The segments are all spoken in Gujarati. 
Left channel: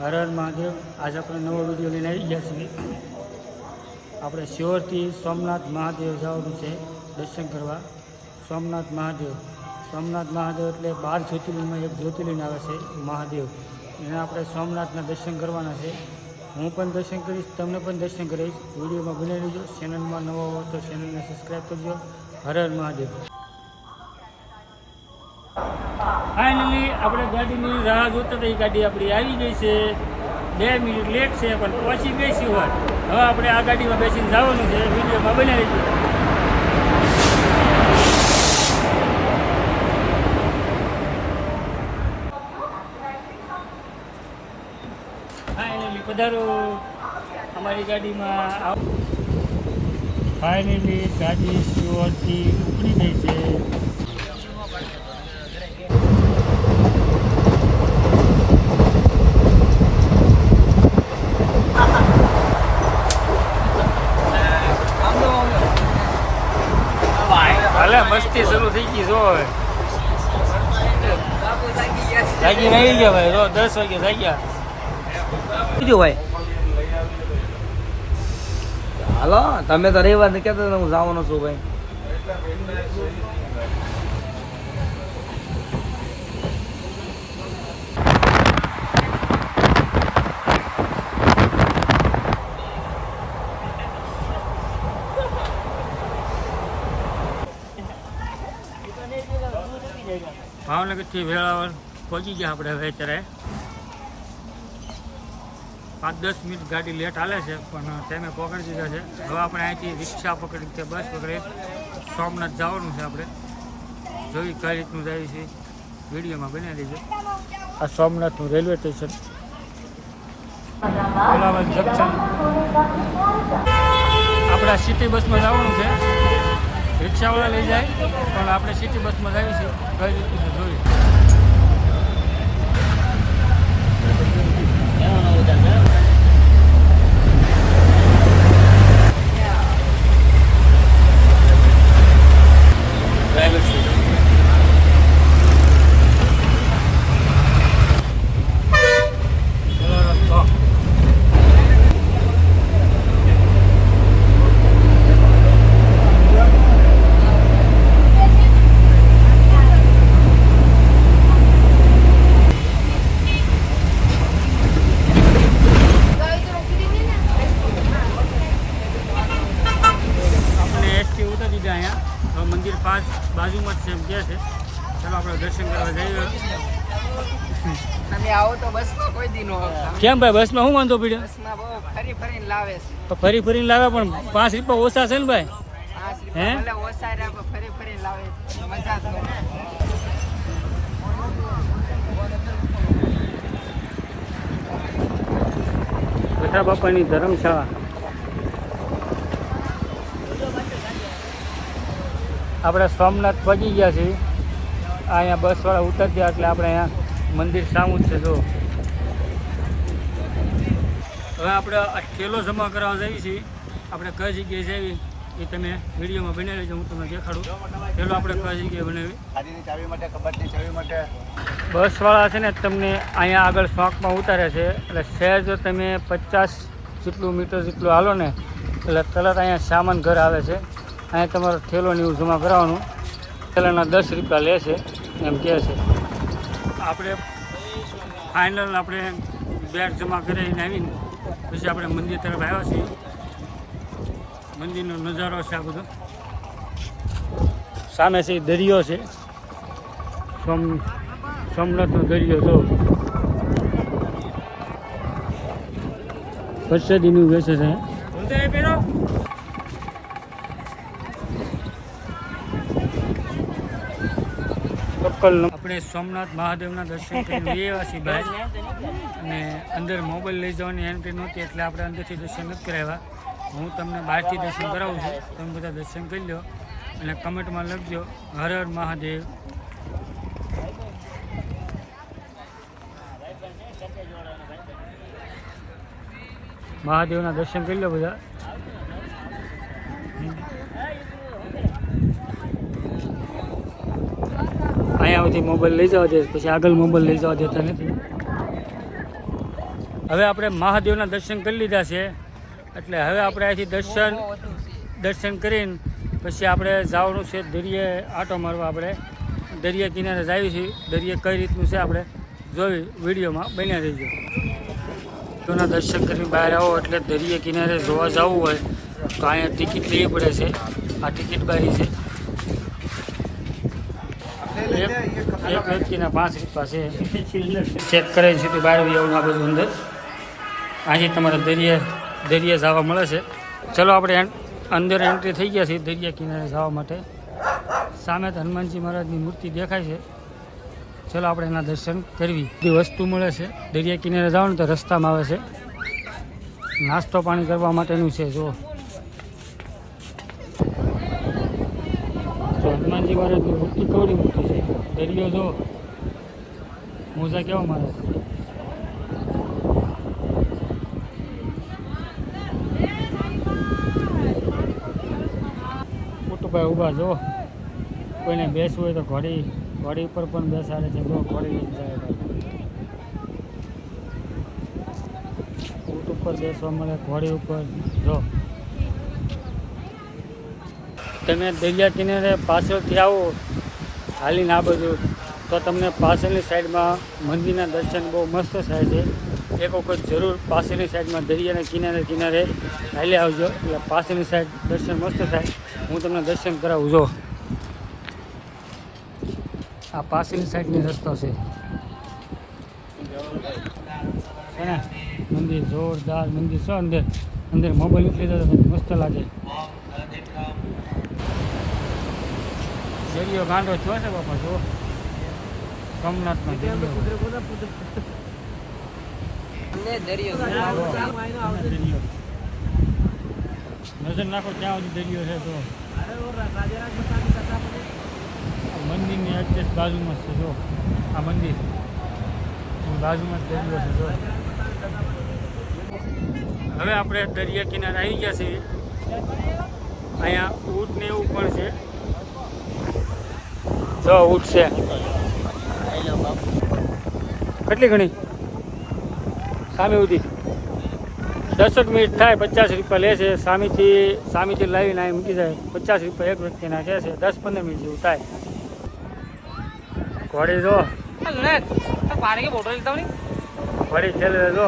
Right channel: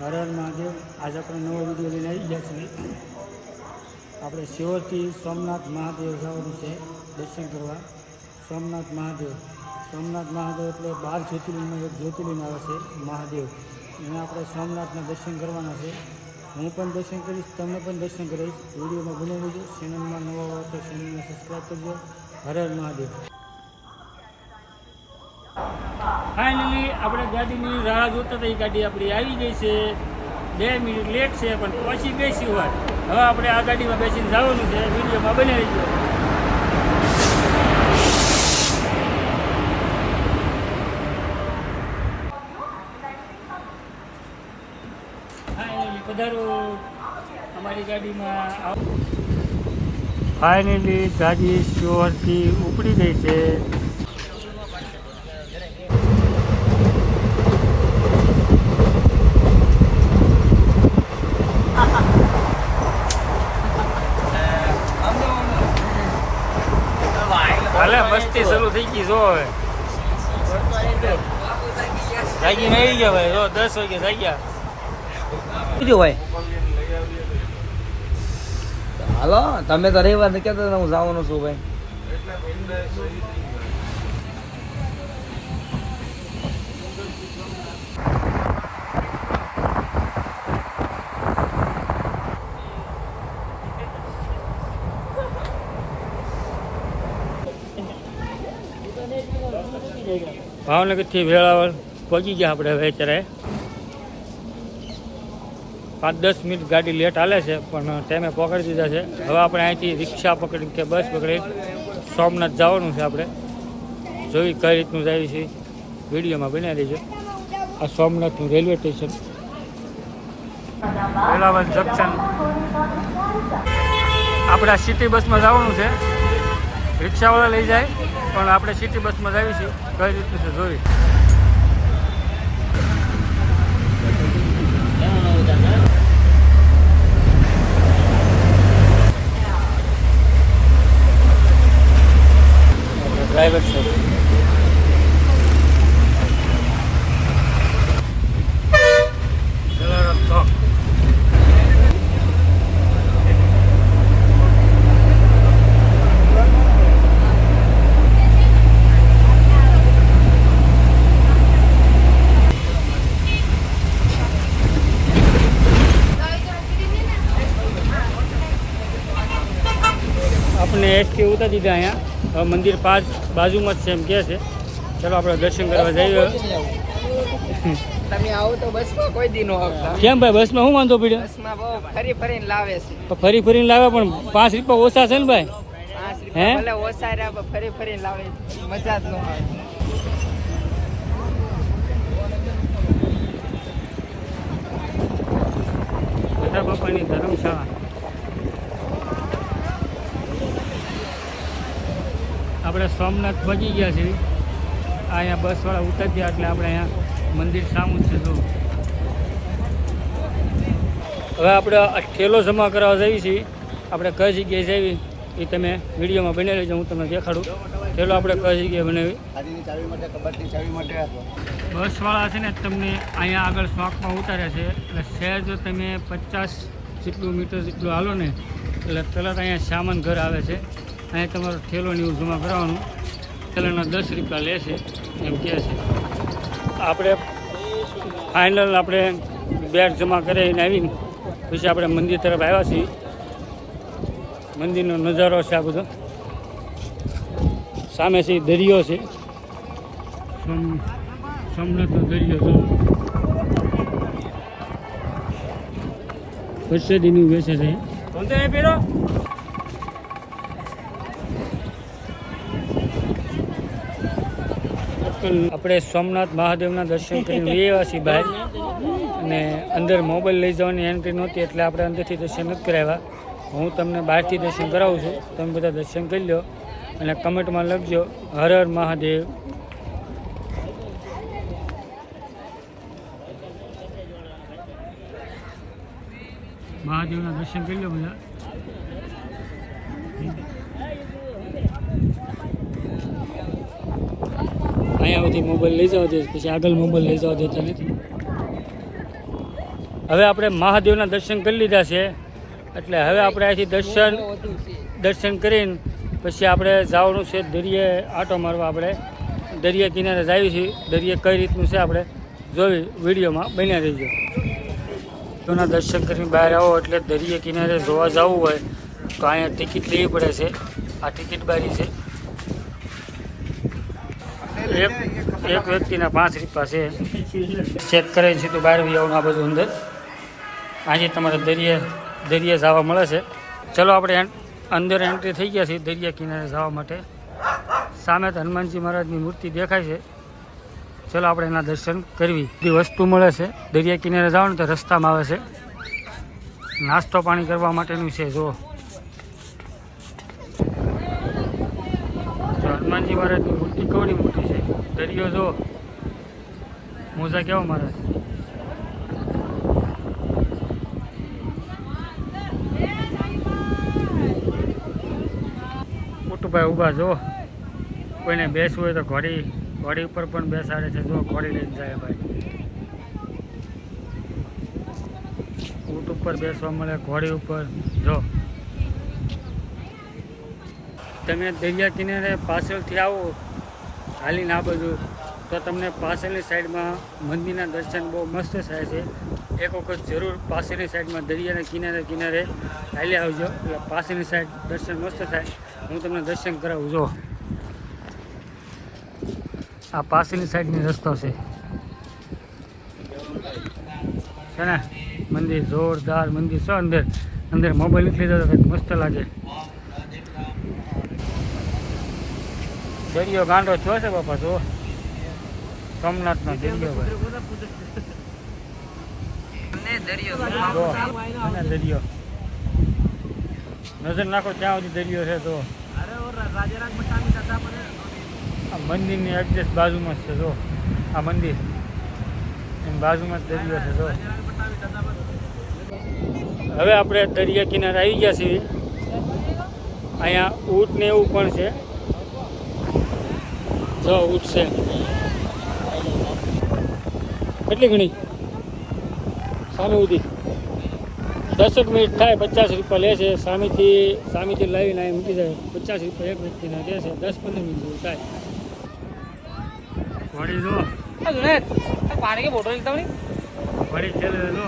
હર હર મહાદેવ. આજે આપણે નવો વીડિયો લઈને આવી ગયા છીએ. આપણે શિવરથી સોમનાથ મહાદેવ જવાનું છે દર્શન કરવા. સોમનાથ મહાદેવ. સોમનાથ મહાદેવ એટલે બાર જ્યોતિર્લિંગમાં એક જ્યોતિર્લિંગ આવે છે, મહાદેવ. એને આપણે સોમનાથના દર્શન કરવાના છે. હું પણ દર્શન કરીશ, તમને પણ દર્શન કરીશ વિડીયોમાં બનાવી લેજો ચેનલમાં નવો હોય તો ચેનલને સબસ્ક્રાઈબ કરજો. હર હર મહાદેવ. ફાઇનલી આપણે ગાડીની રાહ જોતા એ ગાડી આપણી આવી ગઈ છે. બે મિનિટ લેટ છે, પણ પહોંચી ગઈ છે હોય. હવે આપણે આ ગાડીમાં બેસીને જવાનું છે. વિડીયોમાં બનાવી દઈએ ફાઇનલી પધારો. અમારી ગાડીમાં ફાઇનલી ગાડી સ્ટોરથી ઉપડી ગઈ છે હાલે મસ્તી શરૂ થઈ ગઈ, જો હવે. જાગીને આવી ગયા ભાઈ, જો દસ વાગે જાગ્યા. બીજું ભાઈ? હાલો, તમે તો રવિવાર ને કહેતા હતા હું જવાનો છું ભાઈ. ભાવનગરથી વેળાવળ પહોંચી ગયા આપણે હવે અત્યારે. પાંચ દસ મિનિટ ગાડી લેટ હાલે છે, પણ ટાઈમે પકડી દીધા છે. હવે આપણે અહીંથી રિક્ષા પકડી કે બસ પકડી સોમનાથ જવાનું છે આપણે. જોઈ કઈ રીતનું જાય છે. વિડીયોમાં બનાવી છે આ સોમનાથનું રેલવે સ્ટેશન. વેળાવળ જંકશન. આપણે સિટી બસમાં જવાનું છે. રિક્ષાવાળા લઈ જાય. પણ આપણે સિટી બસમાં જઈએ છીએ. કઈ રીતનું છે જોઈ પેલો રસ્તો આપણે એસટી દીધા અહીંયા. મંદિર પાંચ બાજુમાં જ છે એમ કહે છે. ચાલો આપણે દર્શન કરવા જઈએ. તમે આવો તો બસમાં કોઈ દી કેમ ભાઈ બસમાં શું વાંધો પીડ્યો? બસમાં બહુ ફરી ફરીને લાવે છે. તો ફરી ફરીને લાવે પણ પાંચ રૂપિયા ઓછા છે ને ભાઈ? હે? ઓછા ફરી ફરીને લાવે મજા જ ન બેઠા બાપાની ધર્મશાળા. આપણે સોમનાથ પહોંચી ગયા છીએ. અહીંયા બસવાળા ઉતર ગયા એટલે આપણે અહીંયા મંદિર સામું છે જો હવે આપણે ઠેલો જમા કરવા જઈએ છીએ. આપણે કઈ જગ્યાએ જઈએ એ તમે વિડીયોમાં બની લેજો હું તમને દેખાડું. ઠેલો આપણે કઈ જગ્યાએ બનાવી બસવાળા છે ને તમને અહીંયા આગળ શોખમાં ઉતારે છે. એટલે સહેજ જો તમે પચાસ જેટલું મીટર જેટલું હાલો ને એટલે તરત અહીંયા સામાન ઘર આવે છે. અહીંયા તમારો એવું જમા કરાવવાનું ઠેલાના દસ રૂપિયા લે છે, એમ કહે છે. આપણે ફાઇનલ આપણે બેગ જમા કરીને આવીને પછી આપણે મંદિર તરફ આવ્યા છીએ. મંદિરનો નજારો છે આ બધો. સામે છે દરિયો છે. સોમ, સોમનાથનો દરિયો, જો. પરસેદીનું વેચે છે. કપલનું આપણે સોમનાથ મહાદેવના દર્શન કરીને એવા છીએ બહાર. અને અંદર મોબાઈલ લઈ જવાની એન્ટ્રી નહોતી, એટલે આપણે અંદરથી દર્શન નથી કરાવ્યા. હું તમને બહારથી દર્શન કરાવું છું. તમે બધા દર્શન કરી લો અને કમેન્ટમાં લખજો, હર હર મહાદેવ. મહાદેવના દર્શન કરી લો બધા. અહીંયા સુધી મોબાઈલ લઈ જવા દે પછી આગળ મોબાઈલ લઈ જવા દેતા નથી હવે આપણે મહાદેવના દર્શન કરી લીધા છે. એટલે હવે આપણે અહીંથી દર્શન દર્શન કરીને પછી આપણે જવાનું છે દરિયે આટો મારવા આપણે. દરિયા કિનારે જઈએ છીએ દરિયે કઈ રીતનું છે આપણે જોઈ વિડીયોમાં બન્યા રહીજો. તોના દર્શન કરીને બહાર આવો, એટલે દરિયા કિનારે જોવા જવું હોય તો અહીંયા ટિકિટ લેવી પડે છે. આ ટિકિટ બારી છે. એક એક વ્યક્તિના પાંચ રૂપિયા છે. ચેક કરે છે તો બહાર બી આવું આ બધું અંદર. આજે તમારે દરિયા દરિયા જવા મળે છે. ચલો આપણે અંદર એન્ટ્રી થઈ ગયા છીએ દરિયા કિનારે જવા માટે. સામે તો હનુમાનજી મહારાજની મૂર્તિ દેખાય છે. ચલો આપણે એના દર્શન કરવી. બધી વસ્તુ મળે છે. દરિયા કિનારે જાઓ ને તો રસ્તામાં આવે છે. નાસ્તો પાણી કરવા માટેનું છે જો હનુમાનજી મહારાજની મૂર્તિ કેવડી મોટી છે. દરિયો જો. મોજા કેવો મારા મોટુભાઈ ઊભા જો. કોઈને બેસવું હોય તો ઘોડી ઘોડી ઉપર પણ બેસાડે છે. જો, ઘોડી લઈને જાય ભાઈ. ઊંટ ઉપર બેસવા મળે, ઘોડી ઉપર. જો. તમે દરિયા કિનારે પાછળથી આવો. હાલીને આ બધું. તો તમને પાછળની સાઈડમાં મંદિરના દર્શન બહુ મસ્ત થાય છે. એક વખત જરૂર પાછળની સાઈડમાં દરિયાના કિનારે કિનારે હાલી આવજો. એટલે પાછળની સાઈડ દર્શન મસ્ત થાય. હું તમને દર્શન કરાવું, જો. આ પાછળની સાઈડની રસ્તો છે. ને? મંદિર જોરદાર મંદિર છે. અંદર અંદર મોબાઈલ નીકળી જતો મસ્ત લાગે. દરિયો ગાંડો થયો છે બાપા જો સોમનાથનો દરિયો ભાઈ. દરિયો નજર નાખો ત્યાં સુધી દરિયો છે તો આ મંદિરની એડજસ્ટ બાજુમાં જ છે જો આ મંદિર. એની બાજુમાં જ દરિયો છે જો હવે આપણે દરિયા કિનારે આવી ગયા છીએ. અહીંયા ઊંટ ને એવું પણ છે. જો ઉઠશે કેટલી ઘણી સામે ઉધી. દસક મિનિટ થાય પચાસ રૂપિયા લે છે. સામેથી સામેથી લાવીને અહીં મૂકી જાય. પચાસ રૂપિયા એક વ્યક્તિના કહે છે દસ પંદર મિનિટ જેવું થાય. ઘોડી જો. પાણી કે બોટલ લીધા ઘોડી છેલ્લે જો.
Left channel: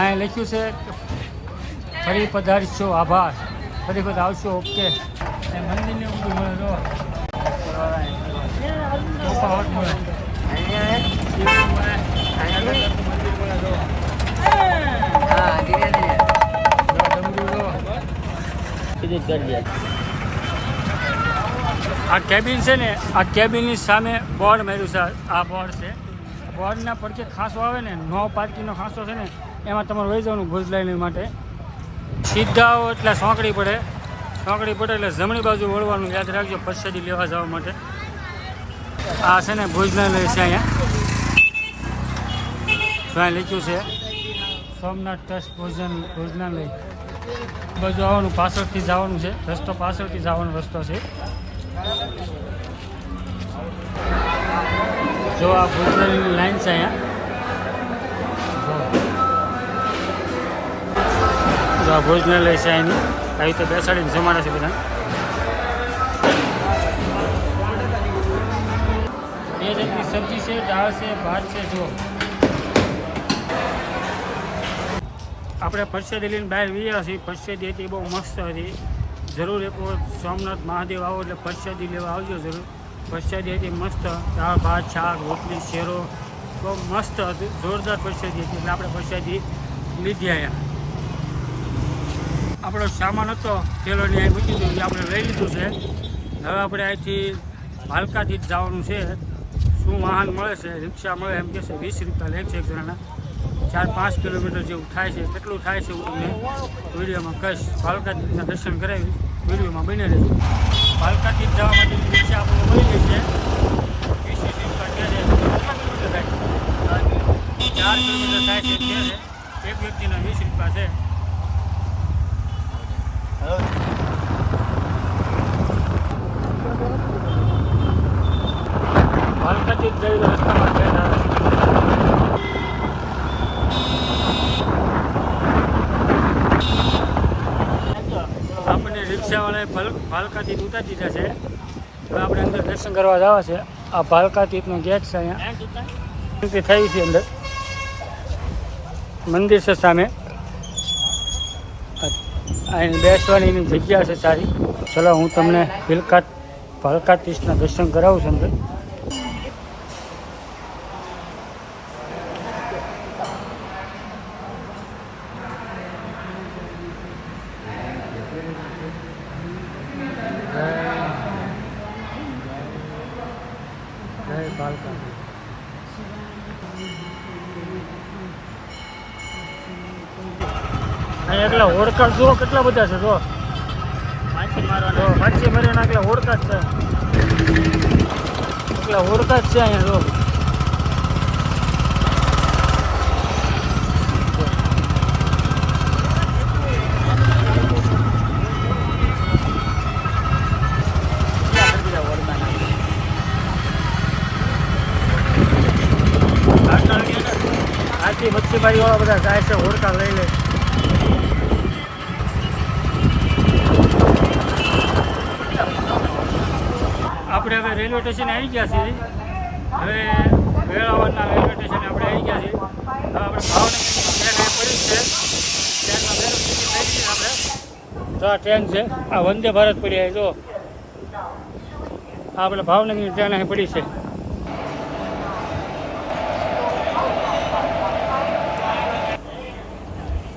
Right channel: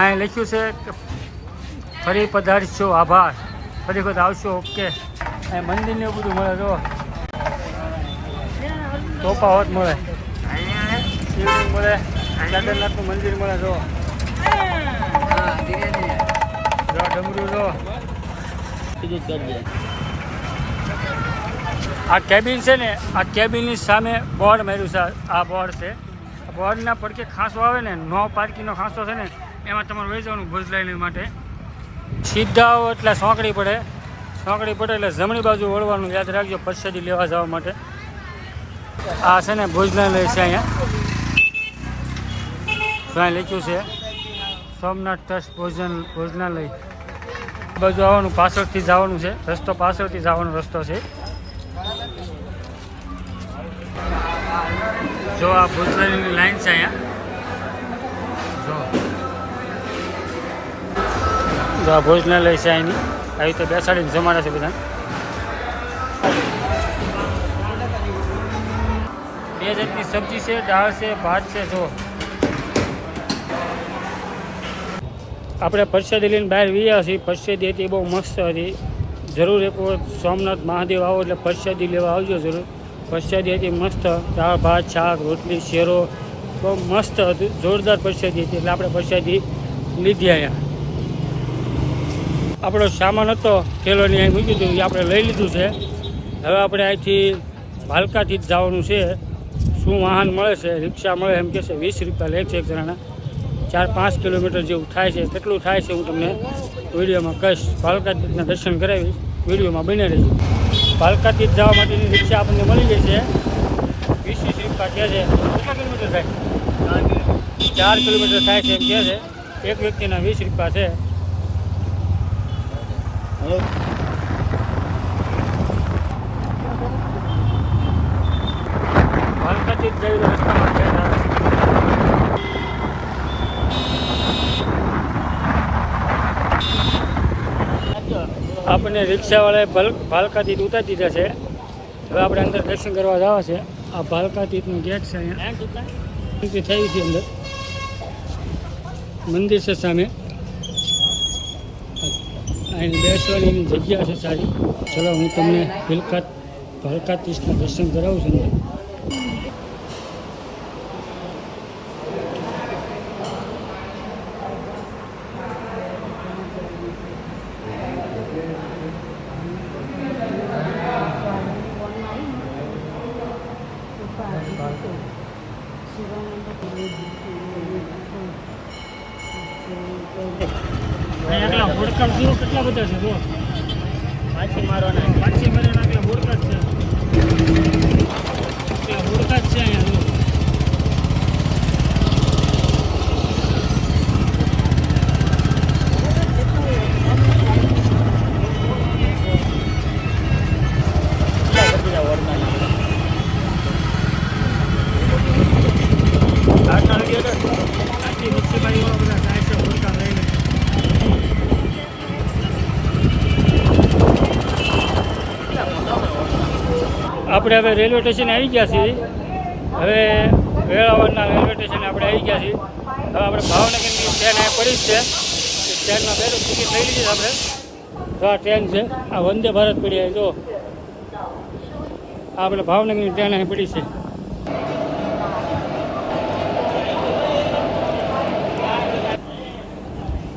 અહીં લખ્યું છે કે ફરી પધારશો. આભાર. ફરી વખત આવશો ઓકે. અહીં મંદિરને એવું બધું મળે, જો. તોફાવત મળે. મળે કેદારનાથનું મંદિર મળે, જો. ડમરું, જો. આ કેબિન છે ને, આ કેબિનની સામે બોર્ડ માર્યું છે, આ બોર્ડ છે. બોર્ડના પડકે ખાંસો આવે ને, નો પાર્કિંગનો ખાંસો છે ને, એમાં તમારે વહી જવાનું ભુજ લાઈન માટે. સીધા એટલે સોંકડી પડે. સોંકડી પડે એટલે જમણી બાજુ વળવાનું યાદ રાખજો પરસેદી લેવા જવા માટે. આ છે ને ભોજનાલય છે અહીંયા. ત્યાં લખ્યું છે, સોમનાથ ટ્રસ્ટ ભોજન, ભોજનાલય. બાજુ આવવાનું, પાછળથી જવાનું છે. રસ્તો પાછળથી જવાનો રસ્તો છે. જો આ ભોજનાલયની લાઈન છે અહીંયા. જો આ ભોજનાલય છે અહીંની. આવી રીતે બેસાડીને જમાડે છે બધા બે જાતની સબ્જી છે, દાળ છે, ભાત છે જો આપણે પરસેદી લઈને બહાર વીયા છીએ. પરસેદી હતી, બહુ મસ્ત હતી. જરૂર એક વખત સોમનાથ મહાદેવ આવો એટલે પરસેદી લેવા આવજો જરૂર. પરસેદી હતી મસ્ત. દાળ, ભાત, શાક, રોટલી, શેરો. બહુ મસ્ત હતું. જોરદાર પરસેદી હતી એટલે આપણે પરસેદી લીધી અહીંયા. આપણો સામાન હતો, થેલોની અહીં મૂકી દીધું, એ આપણે લઈ લીધું છે. હવે આપણે અહીંથી ભાલકાથી જ જવાનું છે. શું વાહન મળે છે? રિક્ષા મળે એમ કહેશે. વીસ રૂપિયા લે છે એક જણાના. ચાર પાંચ કિલોમીટર જેવું થાય છે. કેટલું થાય છે હું તમને વિડીયોમાં કહીશ. ભાલકાતીતના દર્શન કરાવીશ. વિડીયોમાં બની રહીશું ભાલકાતી જવા માટેની રિક્ષા આપણને મળી ગઈ છે. વીસ વીસ રૂપિયા કહે છે. કેટલા કિલોમીટર થાય? ચાર કિલોમીટર થાય છે એમ કહે છે. એક વ્યક્તિના વીસ રૂપિયા છે. આપણને રિક્ષાવાળાએ ભાલકા તીર્થ ઉતારી દીધા છે. હવે આપણે અંદર દર્શન કરવા જવા છે. આ ભાલકા તીર્થનું ગેટ છે અહીંયા. થઈ છે અંદર. મંદિર છે સામે. અહીં બેસવાની જગ્યા છે સારી. ચલો હું તમને ભીલકા ભલકાતીશના દર્શન કરાવું છું અંદર. એટલા હોડકા જુઓ કેટલા બધા છે જો માછી મારવાના. માછી મારી એટલા હોડકા જ છે. એટલા હોડકા જ છે અહીંયા જો આખી મચ્છીમારી વાળા બધા જાય છે હોડકા લઈ લે આપણે હવે રેલવે સ્ટેશન આવી ગયા છીએ. હવે વેળાવળના રેલવે સ્ટેશન આપણે આવી ગયા છીએ. હવે આપણે ભાવનગરની ટ્રેન આ પડી જ છે ટ્રેનમાં બેઠો ટિકિટ લઈ લીધી આપણે. તો આ ટ્રેન છે, આ વંદે ભારત પડી આવી જો. આ આપણે ભાવનગરની ટ્રેન અહીં પડી છે.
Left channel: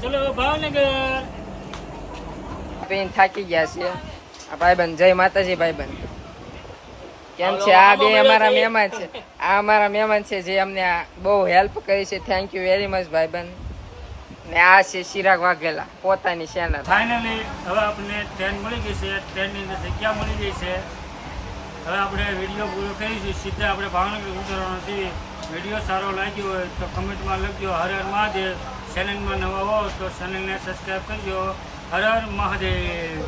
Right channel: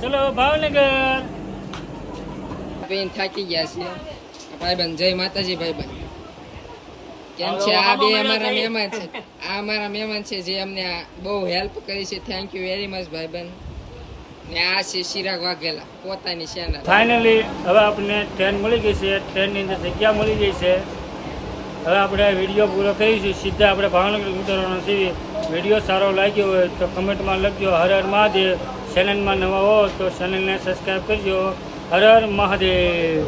ચલો ભાવનગર. બેન થાકી ગયા છે. આ ભાઈબંધ, જય માતાજી ભાઈબંધ. કેમ છે? આ બે અમારા મહેમાન છે. આ અમારા મહેમાન છે જે અમને બહુ હેલ્પ કરી છે. થેન્ક યુ વેરી મચ ભાઈબંધ. ને આ છે ચિરાગ વાઘેલા પોતાની સેના ફાઇનલી હવે આપણને ટ્રેન મળી ગઈ છે. ટ્રેનની અંદર જગ્યા મળી ગઈ છે. હવે આપણે વીડિયો પૂરો કરીશું. સીધા આપણે ભાવનગર ઉતરવાનો છીએ વીડિયો સારો લાગ્યો હોય તો કમેન્ટમાં લખજો. હર હર મહાદેવ. ચેનલમાં નવા હો તો ચેનલને સબસ્ક્રાઈબ કરજો. હર હર મહાદેવ.